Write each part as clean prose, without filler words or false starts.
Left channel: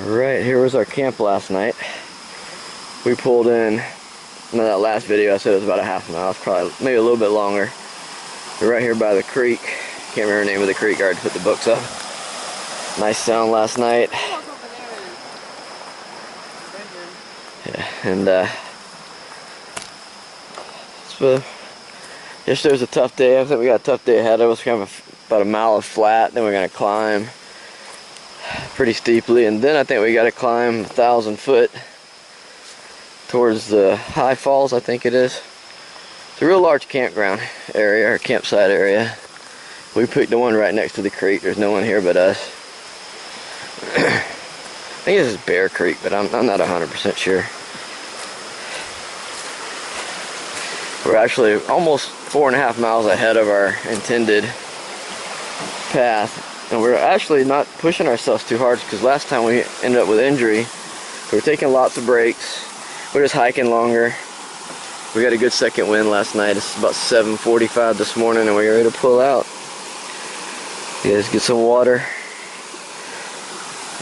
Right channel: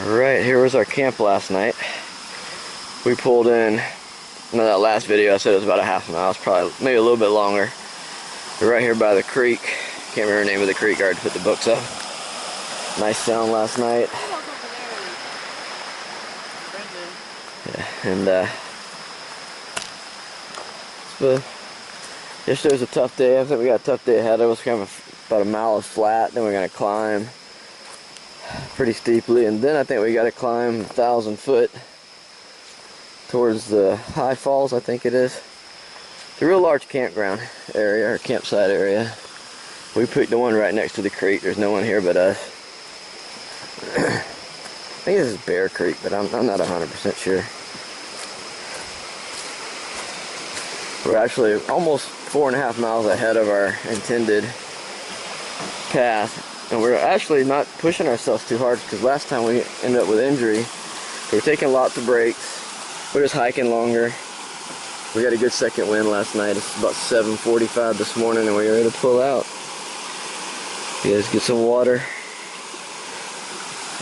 Alright, here was our camp last night. We pulled in, in that last video I said it was about a half mile. It's probably maybe a little bit longer. We're right here by the creek. Can't remember the name of the creek, I already put the books up. Nice sound last night. Yeah, and yesterday was a tough day. I think we got a tough day ahead of us. Kind of about a mile of flat, then we're going to climb pretty steeply, and then I think we got to climb 1,000 foot towards the high falls, I think it is. It's a real large campground area, or campsite area. We picked the one right next to the creek. There's no one here but us. I think this is Bear Creek, but I'm not 100% sure. We're actually almost 4.5 miles ahead of our intended path. And we're actually not pushing ourselves too hard, because last time we ended up with injury. We were taking lots of breaks. We're just hiking longer. We got a good second wind last night. It's about 7:45 this morning, and we're ready to pull out. You guys get some water,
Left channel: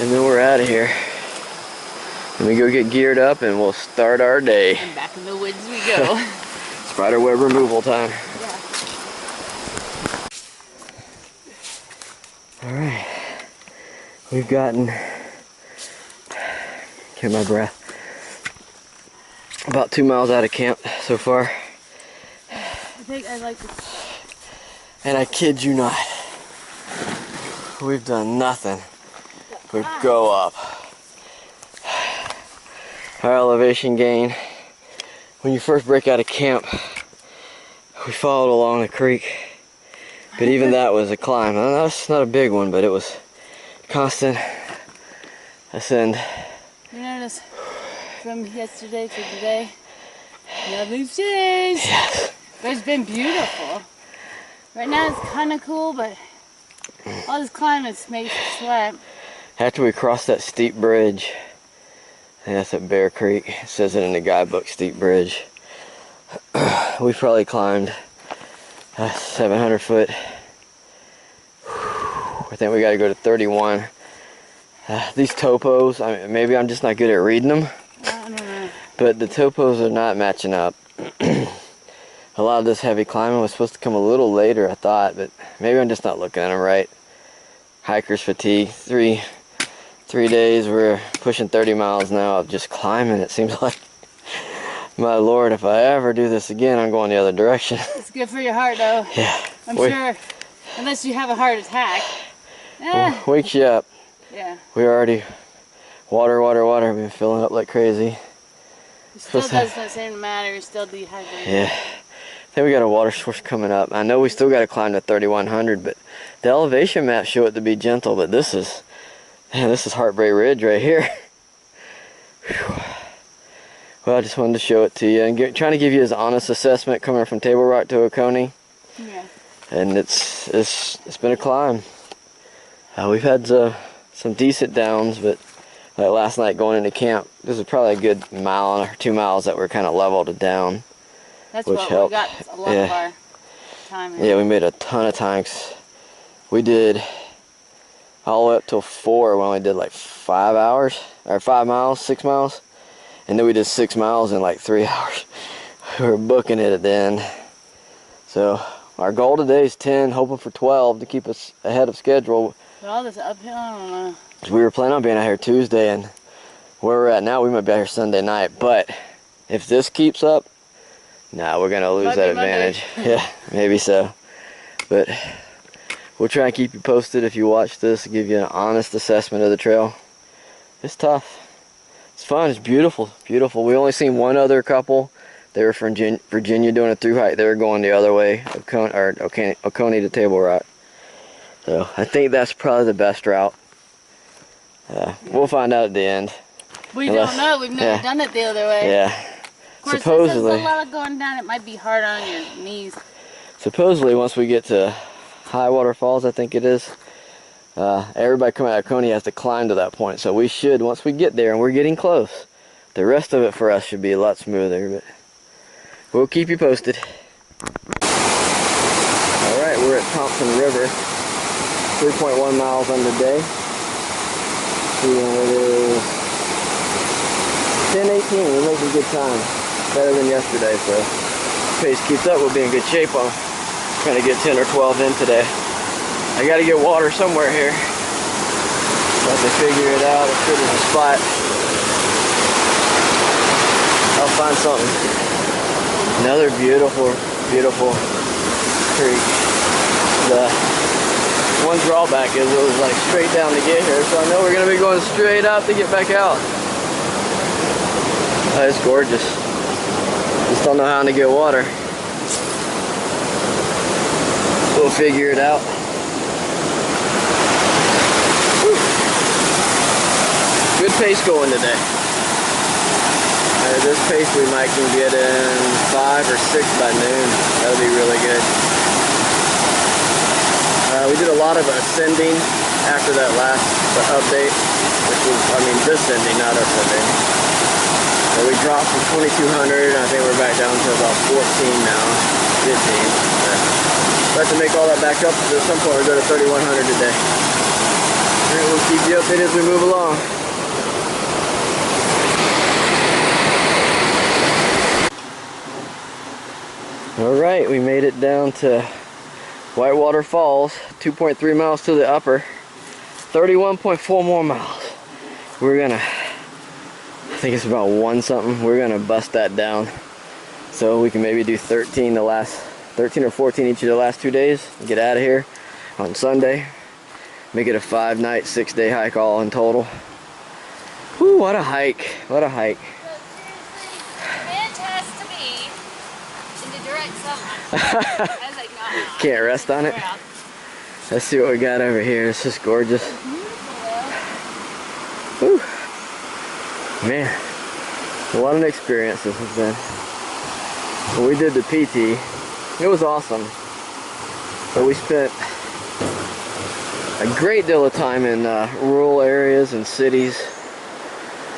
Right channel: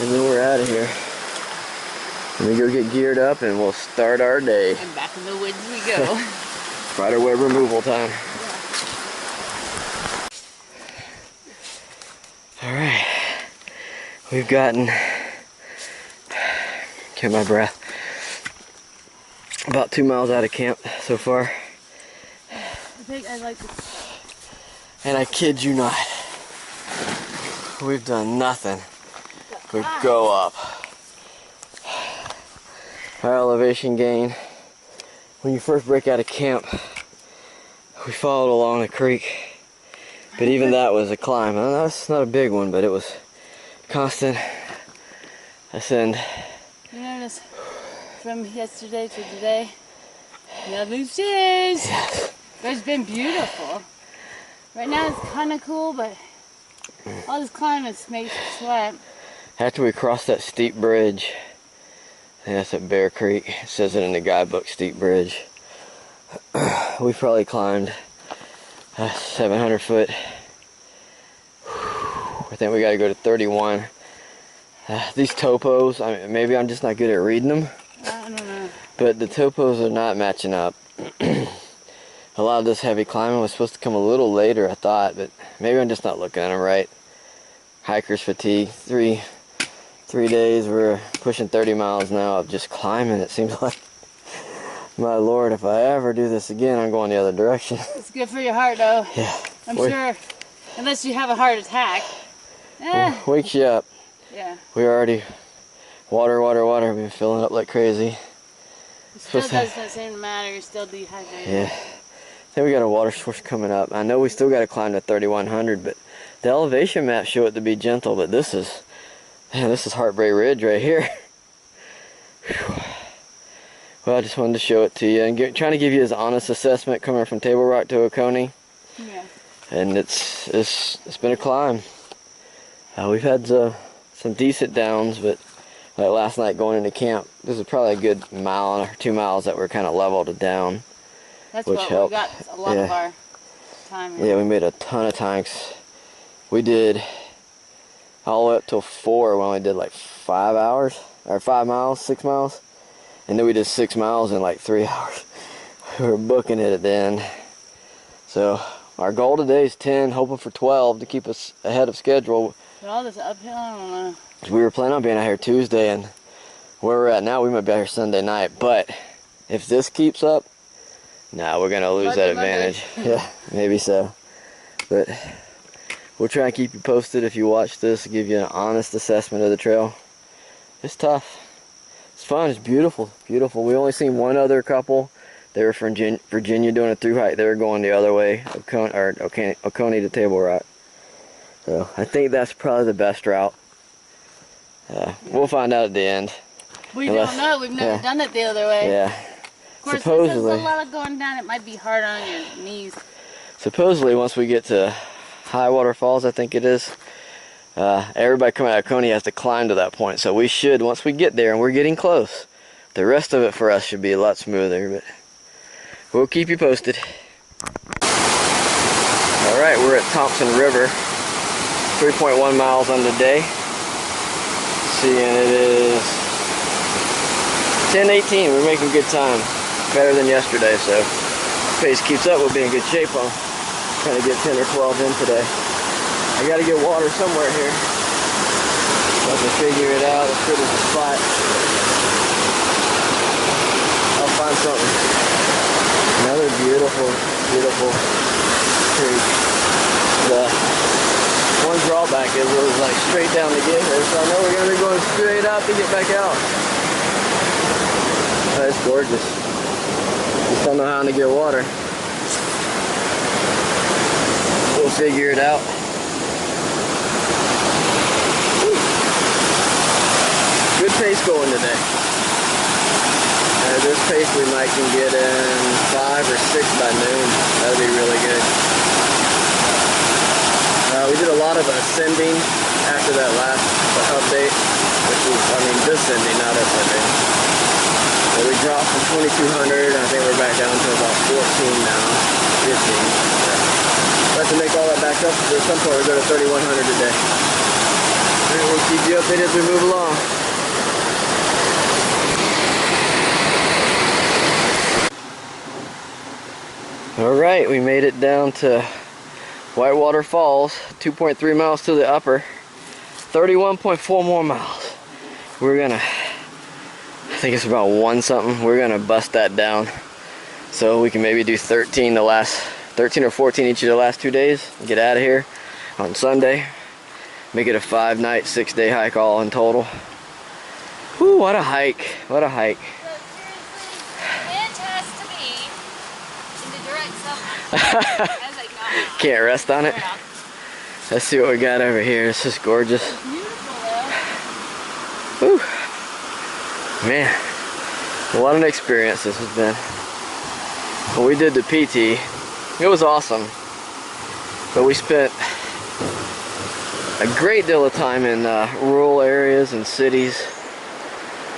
and then we're out of here. Let me go get geared up, and we'll start our day. And back in the woods we go. Spider web removal time. Alright, we've gotten, get my breath, about 2 miles out of camp so far. I think I like this. And I kid you not, we've done nothing but go up. Our elevation gain, when you first break out of camp, we followed along the creek. But even that was a climb. That's not a big one, but it was constant ascend. You notice from yesterday to today, nothing's changed. Yes. But it's been beautiful. Right now it's kind of cool, but all this climbing makes you sweat. After we crossed that steep bridge, I think that's at Bear Creek. It says it in the guidebook, steep bridge. We probably climbed 700 foot. I think we got to go to 31. These topos, maybe I'm just not good at reading them. I don't know. But the topos are not matching up. A lot of this heavy climbing was supposed to come a little later, I thought, but maybe I'm just not looking at them right. Hiker's fatigue. Three days, we're pushing 30 miles now of just climbing, it seems like. My Lord, if I ever do this again, I'm going the other direction. It's good for your heart, though. Yeah. I'm sure, unless you have a heart attack. Wakes you up. Yeah. We already, water, we've been filling up like crazy. It still doesn't seem to matter, you're still dehydrated. Yeah. I think we got a water source coming up. I know we still got to climb to 3,100, but the elevation maps show it to be gentle, but this is Heartbreak Ridge right here. Whew. Well, I just wanted to show it to you and trying to give you his honest assessment coming from Table Rock to Oconee. Yeah. And it's been a climb. We've had some decent downs, but like last night going into camp, this is probably a good mile or 2 miles that were kind of leveled and down. That's which what helped. we got a lot of our time in. Yeah, we made a ton of times. We did all the way up till 4. We only did like 5 hours, or 5 miles, 6 miles. And then we did 6 miles in like 3 hours. We were booking it at the end. So our goal today is 10, hoping for 12 to keep us ahead of schedule. But all this uphill, I don't know. We were planning on being out here Tuesday, and where we're at now, we might be out here Sunday night. But if this keeps up, we're gonna lose that advantage. Yeah, maybe so. But we'll try and keep you posted if you watch this, give you an honest assessment of the trail. It's tough. It's fun. It's beautiful. Beautiful. We only seen one other couple. They were from Virginia doing a through hike. They were going the other way, Oconee to Table Rock. So I think that's probably the best route. We'll find out at the end. We don't know. We've never done it the other way. Yeah. Of course, Supposedly, there's a lot of going down. It might be hard on your knees. Supposedly, once we get to High Water Falls, I think it is, everybody coming out of Oconee has to climb to that point. So we should, once we get there, and we're getting close, the rest of it for us should be a lot smoother. But we'll keep you posted. Alright, we're at Thompson River, 3.1 miles on the day. Seeing it is 10:18, we're making good time. Better than yesterday, so if pace keeps up, we'll be in good shape. I'm trying to get 10 or 12 in today. I gotta get water somewhere here. I'll have to figure it out. I'm sure there's a spot. I'll find something. Another beautiful, beautiful creek. The one drawback is it was like straight down to get here, so I know we're gonna be going straight up to get back out. Oh, it's gorgeous. Just don't know how to get water. We'll figure it out. Whew. Good pace going today. This pace we might can get in 5 or 6 by noon. That would be really good. We did a lot of ascending after that last update, which was, I mean, descending, not ascending. So we dropped from 2,200, I think we're back down to about 14 now, 15. But we'll have to make all that back up. At some point we'll go to 3,100 today. And we'll keep you updated as we move along. Alright, we made it down to Whitewater Falls, 2.3 miles to the upper, 31.4 more miles. We're gonna, I think it's about 1 something, we're gonna bust that down so we can maybe do 13 or 14 each of the last 2 days and get out of here on Sunday. Make it a 5-night, 6-day hike all in total. Whew, what a hike, what a hike. Can't rest on it. Let's see what we got over here. It's just gorgeous. Whew. Man, what an experience this has been. When we did the PT, it was awesome. But we spent a great deal of time in rural areas and cities.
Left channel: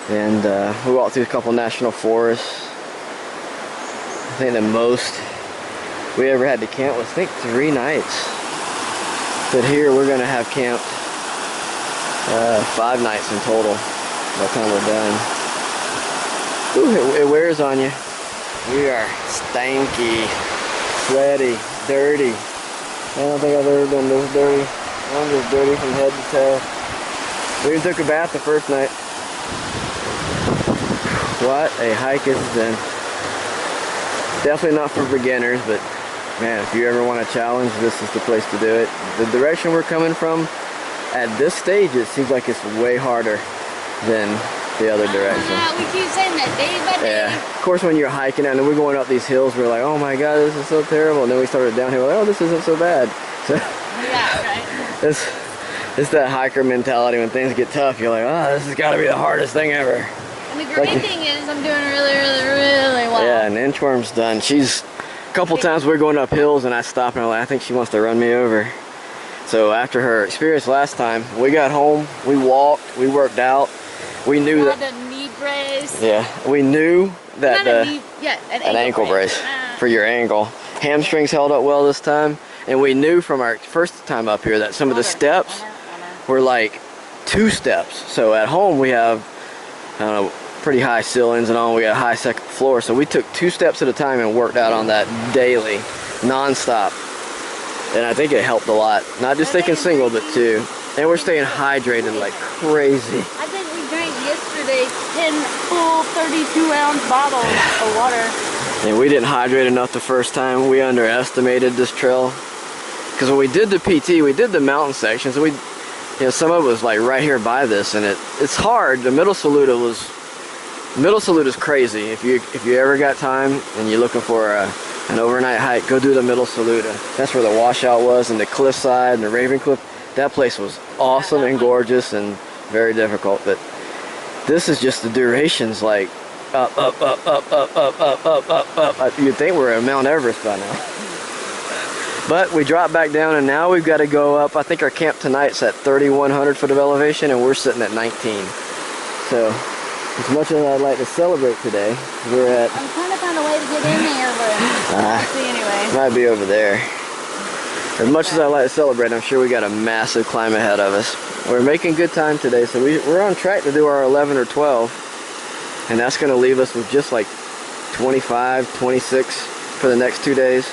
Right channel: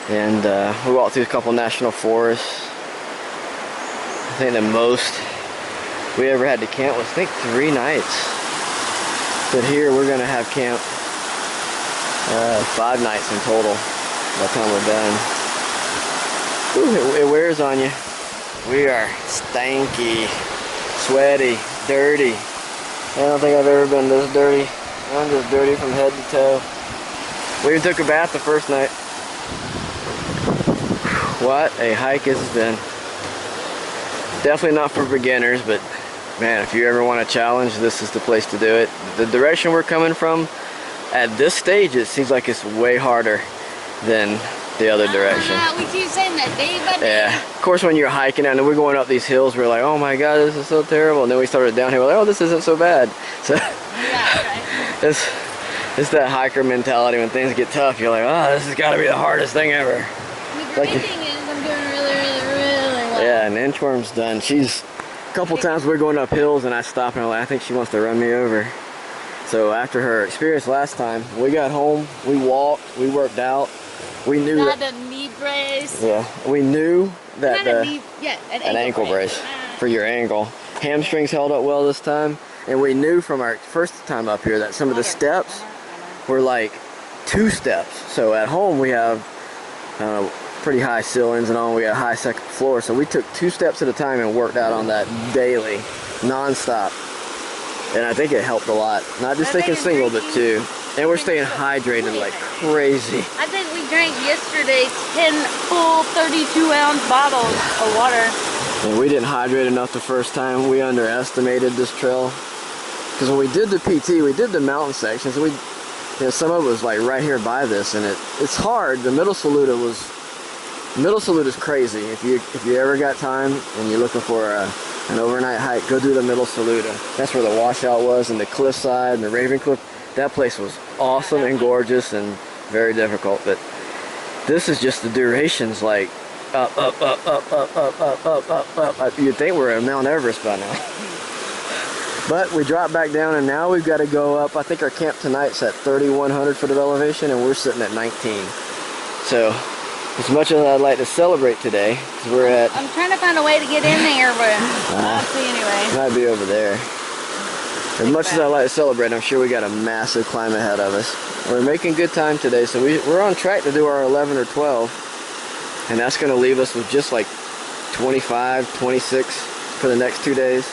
And we walked through a couple national forests. I think the most we ever had to camp was, I think, 3 nights. But here we're gonna have camp 5 nights in total by the time we're done. Ooh, it wears on you. We are stanky, sweaty, dirty. I don't think I've ever been this dirty. I'm just dirty from head to toe. We even took a bath the first night. What a hike it's been. Definitely not for beginners, but man, if you ever want a challenge, this is the place to do it. The direction we're coming from, at this stage, it seems like it's way harder than the other direction. We keep saying that day by day. Yeah, of course when you're hiking and we're going up these hills, we're like, oh my god, this is so terrible. And then we started downhill, we're like, oh, this isn't so bad. So Yeah, right. it's that hiker mentality. When things get tough, you're like, oh, this has got to be the hardest thing ever. And the great thing is I'm doing really well. Yeah, and Inchworm's done. She's a couple times we're going up hills and I stop and I'm like, I think she wants to run me over. So after her experience last time, we got home, we walked, we worked out. We knew Not that a knee brace. Yeah, we knew that an ankle brace for your ankle. Hamstrings held up well this time, and we knew from our first time up here that some of the steps were like 2 steps. So at home we have, I don't know, pretty high ceilings and all. We got a high second floor, so we took 2 steps at a time and worked out on that daily, non-stop. And I think it helped a lot. Not just taking single, but 2. And we're staying hydrated like crazy. I think we drank yesterday 10 full 32-ounce bottles of water. And we didn't hydrate enough the first time. We underestimated this trail. Because when we did the PT, we did the mountain sections. So some of it was like right here by this, and it's hard. The Middle Saluda is crazy. If you ever got time and you're looking for an overnight hike, go do the Middle Saluda. That's where the washout was, and the cliffside and the Raven Cliff. That place was awesome and gorgeous and very difficult. But this is just the durations, like up. You'd think we're at Mount Everest by now. But we dropped back down, and now we've got to go up. I think our camp tonight's at 3,100 foot of elevation, and we're sitting at 19. So as much as I'd like to celebrate today, we're at... I'm trying to find a way to get in there, but I'll see anyway. Might be over there. As much as I like to celebrate, I'm sure we got a massive climb ahead of us. We're making good time today, so we're on track to do our 11 or 12. and that's going to leave us with just like 25, 26 for the next 2 days.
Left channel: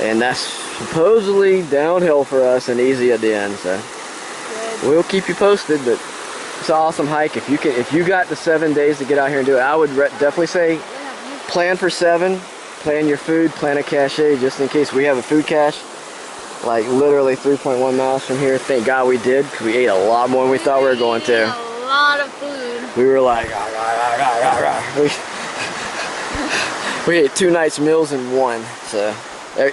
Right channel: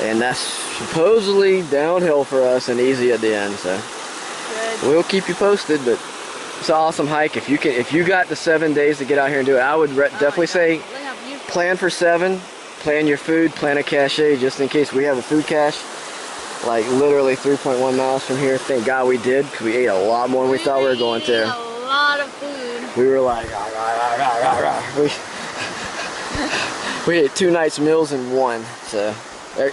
And that's supposedly downhill for us and easy at the end, so good. We'll keep you posted. But it's an awesome hike. If you got the 7 days to get out here and do it, I would definitely say plan for 7. Plan your food, plan a cache just in case. We have a food cache like literally 3.1 miles from here. Thank God we did, because we ate a lot more than we thought we were going to. A lot of food. We were like, we ate 2 nights meals in one, so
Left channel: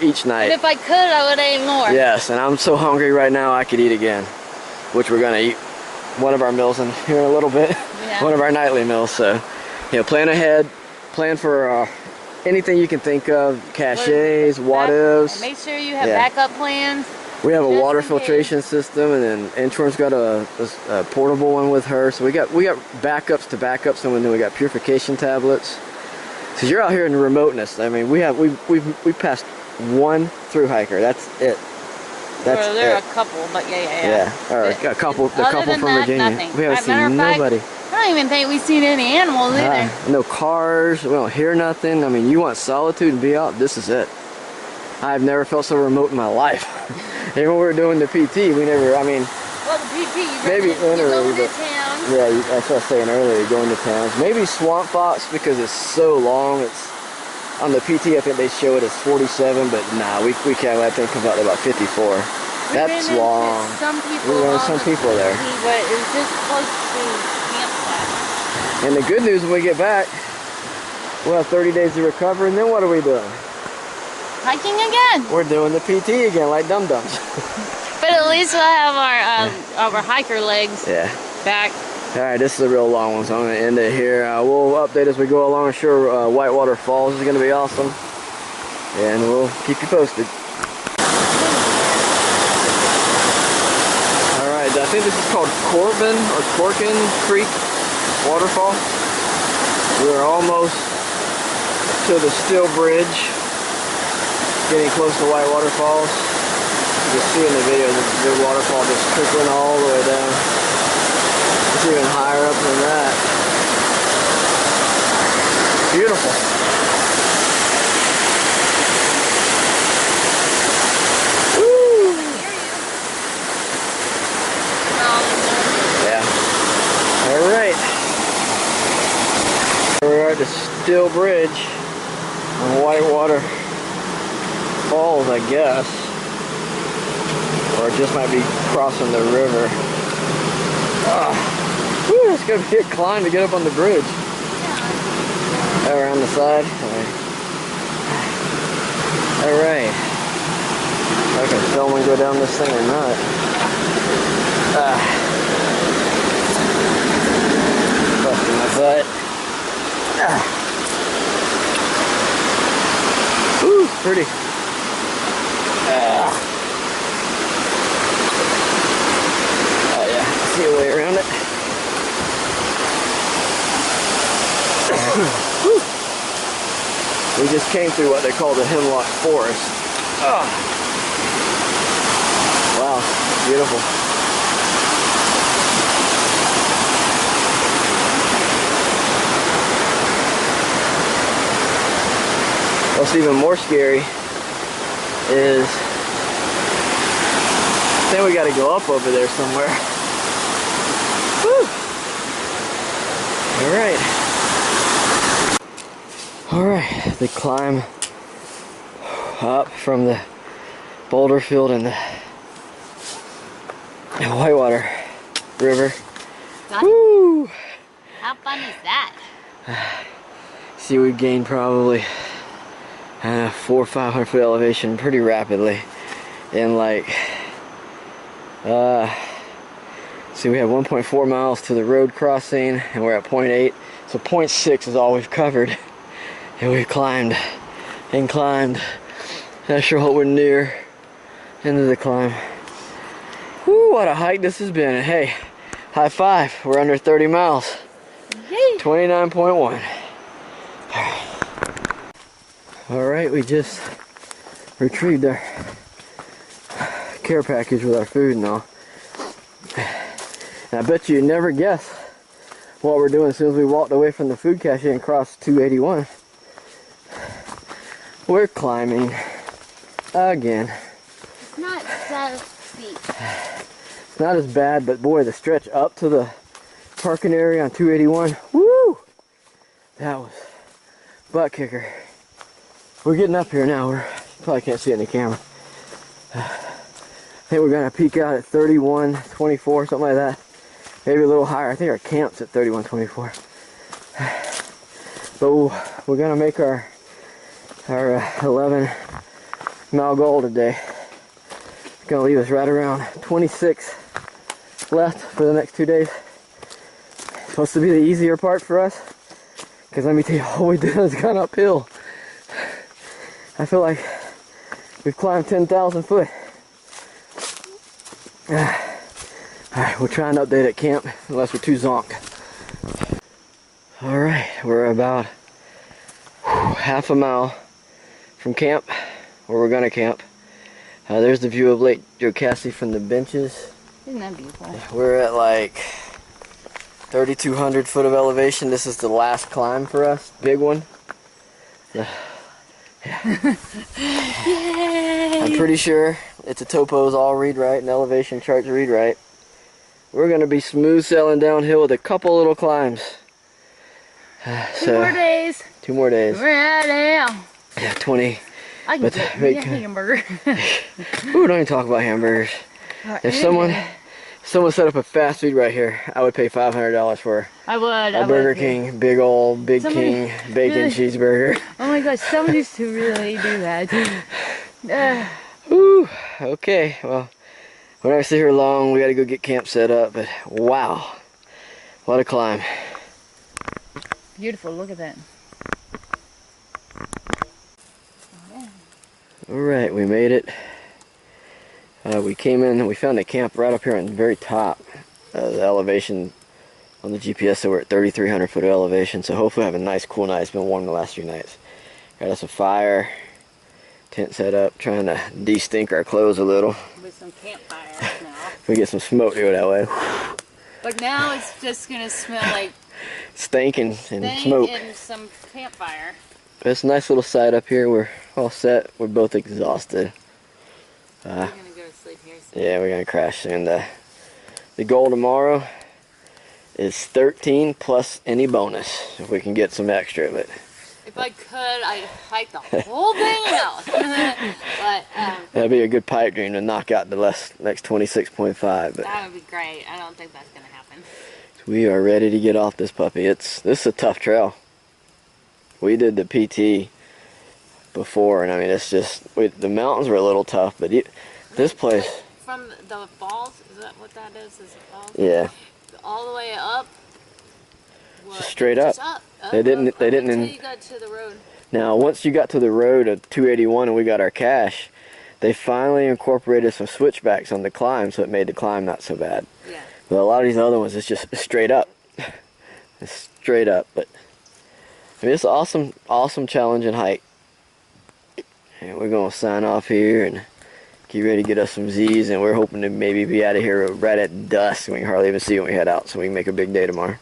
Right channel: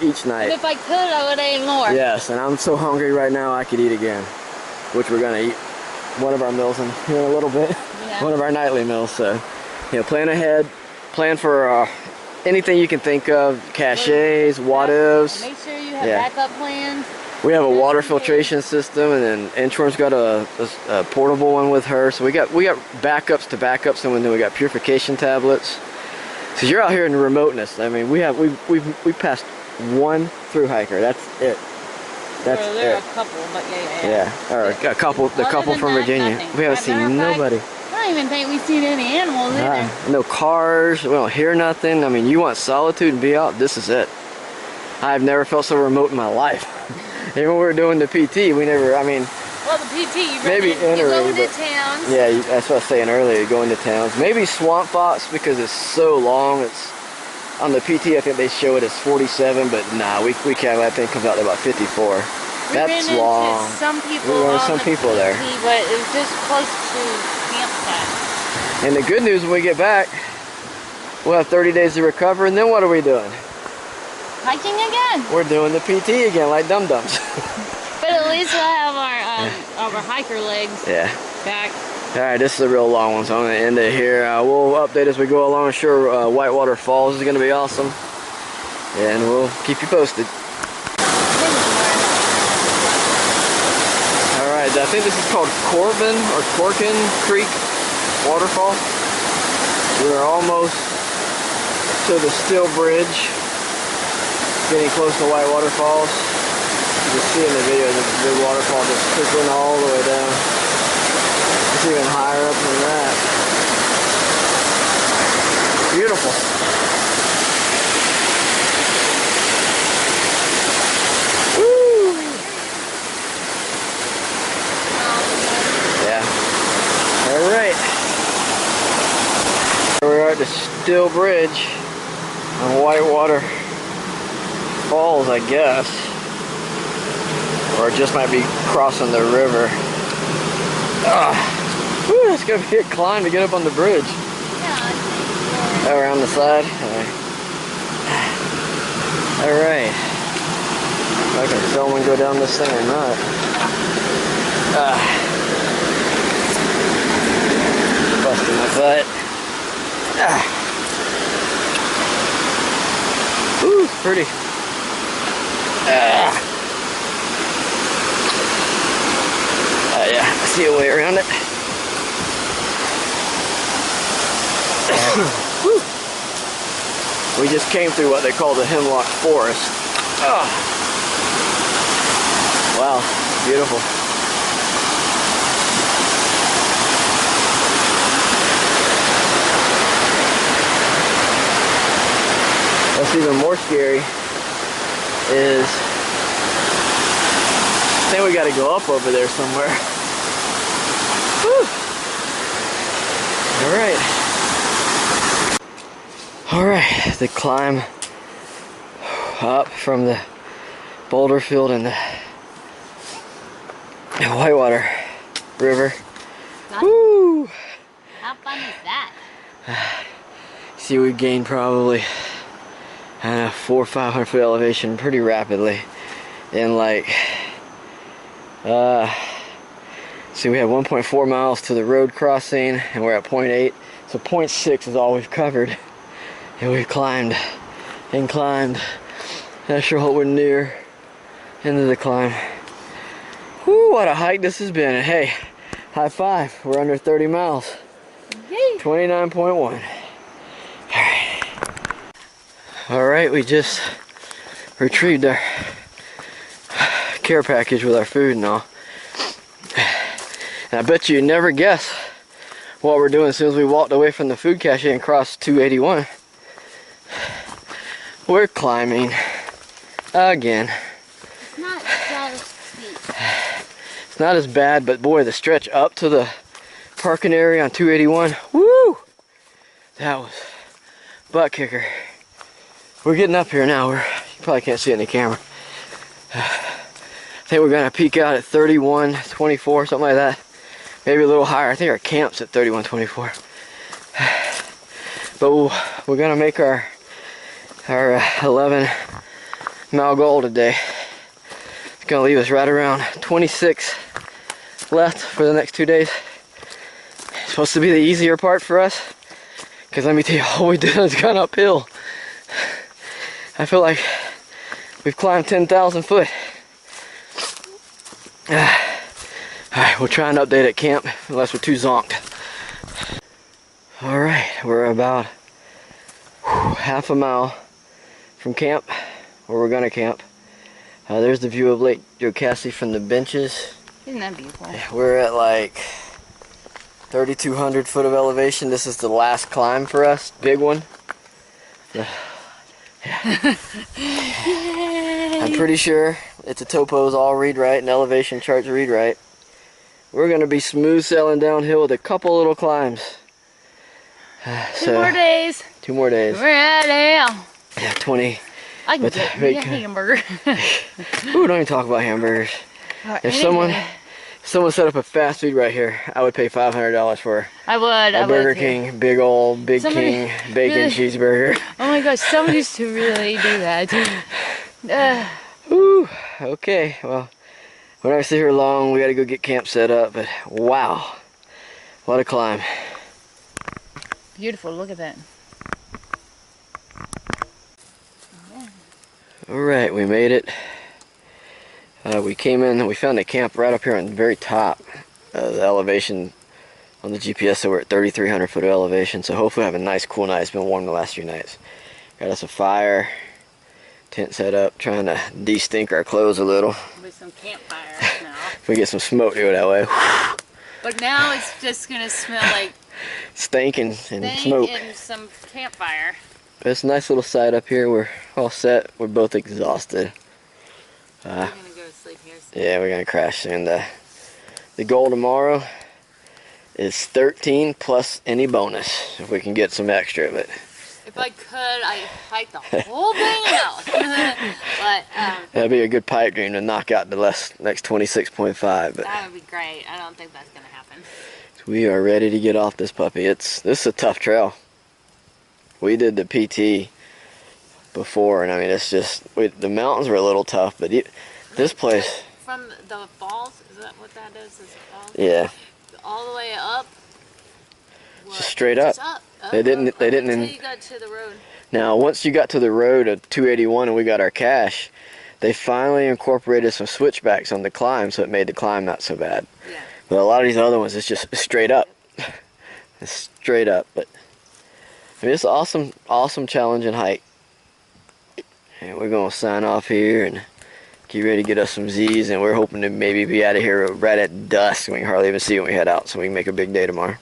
each night. And if I could, I would eat more. Yes, and I'm so hungry right now I could eat again, which we're gonna eat one of our meals in here in a little bit. Yeah. One of our nightly meals. So, plan ahead, plan for anything you can think of, caches, what ifs. Make sure you have backup plans. We have a water filtration system, and then Inchworm's got a portable one with her. So we got backups to backups, and then we got purification tablets. Cause you're out here in the remoteness. I mean, we passed one thru-hiker. That's it. That's it. There are a couple, but yeah. Or a couple. The couple from Virginia. Nothing. We haven't seen nobody. I don't even think we've seen any animals either. No cars. We don't hear nothing. I mean, you want solitude and be out. This is it. I've never felt so remote in my life. Even when we were doing the PT, we never. I mean. Well, the PT, maybe entering, but towns. Yeah, that's what I was saying earlier. Going to towns. Maybe Swamp Fox because it's so long. It's on the PT. I think they show it as 47, but nah, we can't. I think it comes out to about 54. That's long. Some people. We ran some people there. But it's just close to campsite. And the good news, when we get back, we'll have 30 days to recover, and then what are we doing? Hiking again. We're doing the PT again, like dum-dums. But at least we'll have our hiker legs back. Alright, this is a real long one, so I'm going to end it here. We'll update as we go along. I'm sure Whitewater Falls is going to be awesome. And we'll keep you posted. Alright, I think this is called Corbin or Corkin Creek Waterfall. We're almost to the Steel Bridge. Getting close to Whitewater Falls. You can see in the video the big waterfall just trickling all the way down. It's even higher up than that. Beautiful. Woo! Yeah. Alright. We're at the Steel Bridge on Whitewater Falls, I guess. Or it just might be crossing the river. Whew, it's gonna be a climb to get up on the bridge. Yeah. Around the side. Alright. I can film and go down this thing or not. Busting my butt. Ooh, it's pretty. Yeah, I see a way around it. We just came through what they call the Hemlock Forest. Wow, beautiful. What's even more scary is I think we got to go up over there somewhere. Whew. All right, the climb up from the boulder field and the Whitewater River. Woo! How fun is that? See, we gained probably 400 or 500 foot elevation pretty rapidly in like see, we have 1.4 miles to the road crossing and we're at 0.8, so 0.6 is all we've covered, and we've climbed and climbed. Not sure what we're near into the climb. Whoo, what a hike this has been. And hey, high five, we're under 30 miles. 29.1. Alright, we just retrieved our care package with our food and all. And I bet you'd never guess what we're doing as soon as we walked away from the food cache and crossed 281. We're climbing again. It's not that steep. It's not as bad, but boy, the stretch up to the parking area on 281, woo! That was butt kicker. We're getting up here now. You probably can't see it in the camera. I think we're gonna peak out at 3124, something like that. Maybe a little higher. I think our camp's at 3124. But we're gonna make our 11 mile goal today. It's gonna leave us right around 26 left for the next 2 days. It's supposed to be the easier part for us, because let me tell you, all we did is gone uphill. I feel like we've climbed 10,000 foot. Alright, we'll try and update at camp, unless we're too zonked. Alright, we're about half a mile from camp, where we're gonna camp. There's the view of Lake Jocassee from the benches. Isn't that beautiful? We're at like 3,200 foot of elevation. This is the last climb for us, big one. I'm pretty sure it's a topos all read right and elevation charts read right. We're gonna be smooth sailing downhill with a couple little climbs. 2 more days. 2 more days. We're at now. Yeah, 20. I can get me a hamburger. Ooh, don't even talk about hamburgers. If someone set up a fast food right here, I would pay $500 for a Burger King, big King bacon cheeseburger. Oh my gosh, someone used to really do that. Ooh, okay, well, we're not gonna sit here long. We gotta go get camp set up, but wow, what a climb. Beautiful, look at that. Alright, we made it. We came in and we found a camp right up here on the very top. The elevation on the GPS, so we're at 3,300 foot of elevation, so hopefully we'll have a nice cool night. It's been warm the last few nights. Got us a fire, tent set up, trying to de-stink our clothes a little. With some campfires now. If we get some smoke, do it that way. But now it's just gonna smell like stink and smoke. And some campfire. But it's a nice little site up here. We're all set. We're both exhausted. We're gonna go to sleep here soon. Yeah, we're gonna crash soon. The goal tomorrow is 13 plus any bonus if we can get some extra. But if I could, I'd hike the whole thing out. But that'd be a good pipe dream to knock out the next 26.5. But that would be great. I don't think that's gonna happen. We are ready to get off this puppy. This is a tough trail. We did the PT before, and I mean, it's just, the mountains were a little tough, but this place. From the falls, is that what that is? Is it falls? Yeah. All the way up. Just straight up. Just up. They didn't. Until you got to the road. Now, once you got to the road of 281 and we got our cache, they finally incorporated some switchbacks on the climb, so it made the climb not so bad. Yeah. But a lot of these other ones, it's just straight up. It's straight up, but I mean, it's an awesome challenging hike. And we're gonna sign off here and get ready to get us some Z's, and we're hoping to maybe be out of here right at dusk. We can hardly even see when we head out, so we can make a big day tomorrow.